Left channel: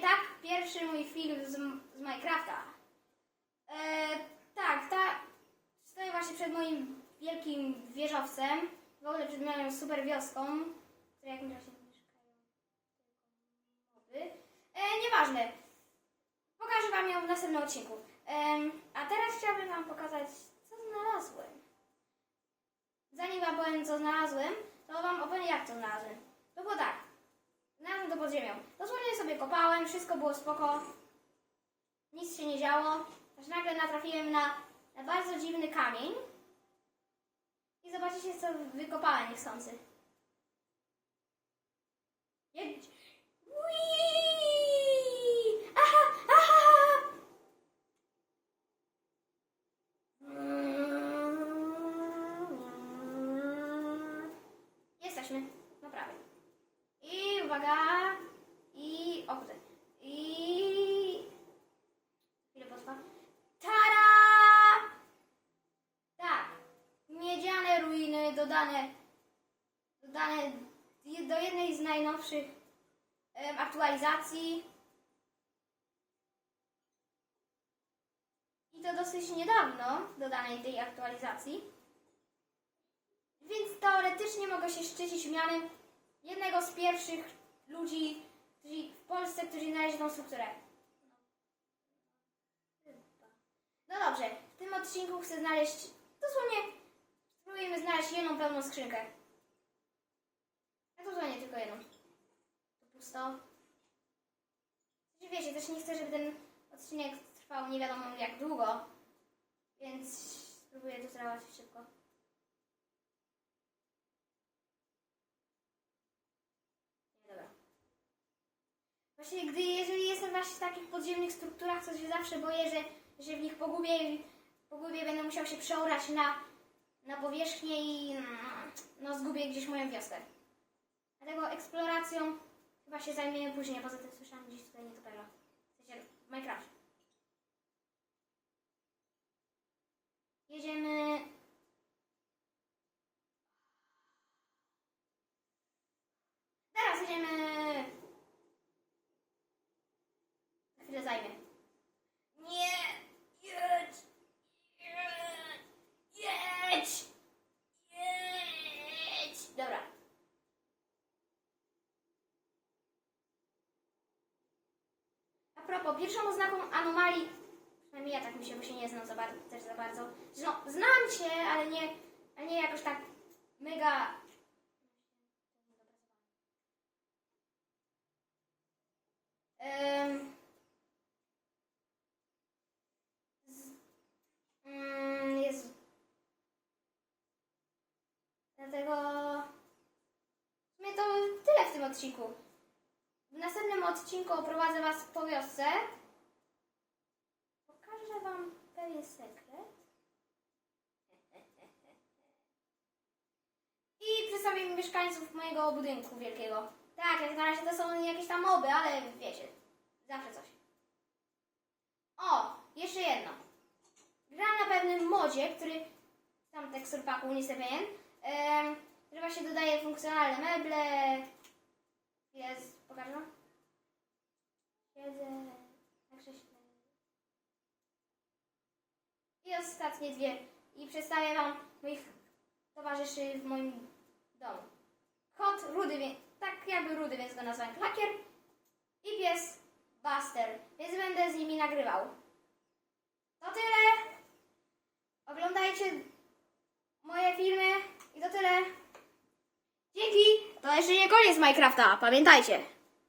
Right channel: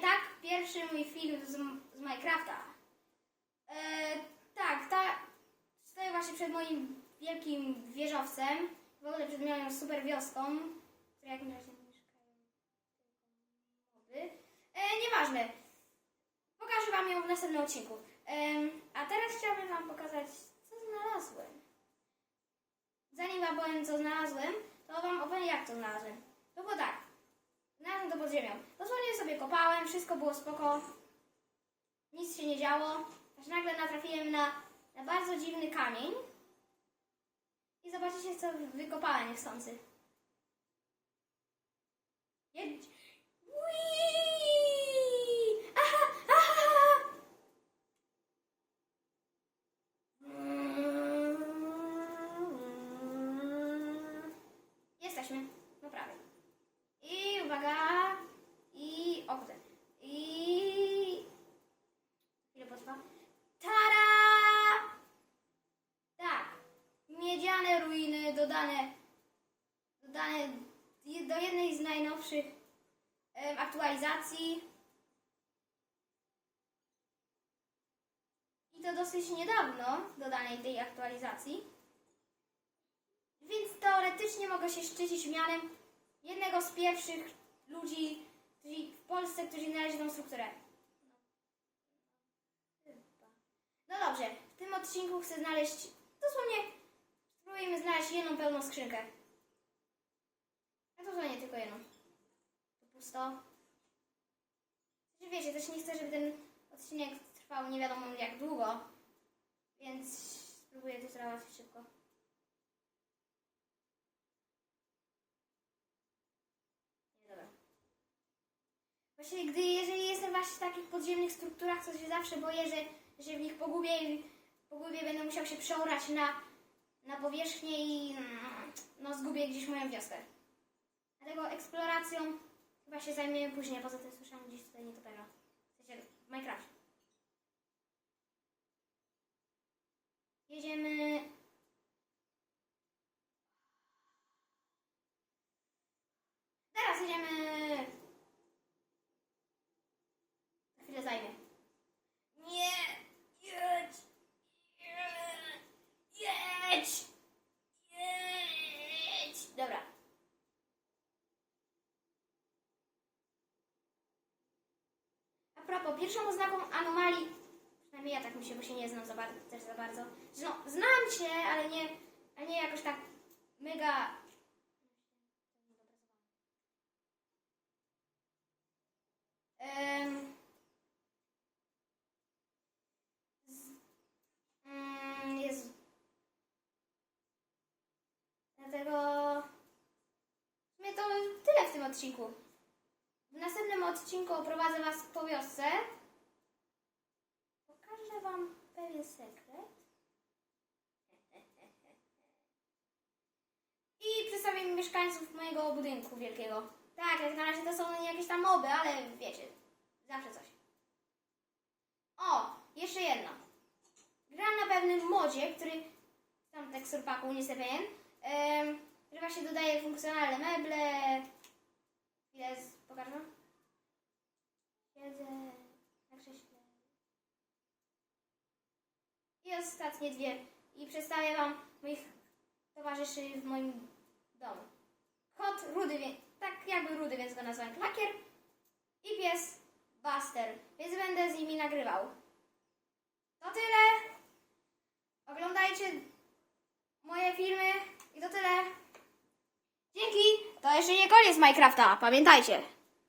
tak pierwszy mój film z, z Minecrafta. E, tak, ta, stoję właśnie przed moim wielkim wieżowcem, w ogóle przed moją super wioską, w jakimś razie mieszkają. E, nieważne. Pokażę Wam ją w następnym odcinku. Em, a teraz chciałabym Wam pokazać, co znalazłem. Zanim Wam powiem, co znalazłem, to Wam opowiem, jak to znalazłem. To było tak. Znalazłem to pod ziemią. Dosłownie sobie kopałem, wszystko było spoko. Nic się nie działo. Aż nagle natrafiłem na, na bardzo dziwny kamień. I zobaczycie, co wykopałem niechcący. Jedź. Jesteśmy. No prawie. I uwaga. O. I chwilę potrwa. Tada! Tak. Miedziane ruiny dodane dodane do jednej z najnowszych em, aktualizacji. I to dosyć niedawno dodanej tej aktualizacji. Więc teoretycznie mogę się szczycić mianem jednego z pierwszych ludzi którzy w Polsce, którzy znaleźli tą strukturę. No, dobrze, w tym odcinku chcę znaleźć, dosłownie spróbujemy znaleźć jedną pełną skrzynkę. A to nie tylko jedną. To pusto. Znaczy, wiecie, też nie chcę, żeby ten odcinek trwał nie wiadomo jak długo, więc spróbuję to załatwić szybko. Nie, dobra. Właśnie gdy, jeżeli jestem właśnie w takich podziemnych strukturach, to się zawsze boję, że, że w nich pogubię, i- pogubię będę musiał się przeorać na, na powierzchnię i mm, no, zgubię gdzieś moją wioskę. Dlatego eksploracją chyba się zajmiemy później, poza tym słyszałam gdzieś tutaj nietoperza. W sensie w Minecraft. Jedziemy... Teraz jedziemy... Na chwilę zajmie. Nie! Jedź! Jedź! Jedź! Dobra. A propos, pierwszą oznaką anomalii, przynajmniej ja tak myślę, bo się nie znam za bardzo, też za bardzo. No, znam się, ale nie, ale nie jakoś tak odcinku. W następnym odcinku oprowadzę Was po wiosce. Pokażę Wam pewien sekret. I przedstawię mieszkańców mojego budynku wielkiego. Tak, jak na razie to są jakieś tam moby, ale wiecie, zawsze coś. O, jeszcze jedno. Gra na pewnym modzie, który tam tekstur paku, nie jestem pewien, który właśnie dodaje funkcjonalne meble. Jest, pokażę wam. Siedzę na krześle. Ostatnie dwie. I przedstawię wam moich towarzyszy w moim domu. Kot rudy, tak jakby rudy, więc go nazwałem Klakier. I pies Buster, więc będę z nimi nagrywał. To tyle. Oglądajcie moje filmy i to tyle. Dzięki! To jeszcze nie koniec Minecrafta, pamiętajcie.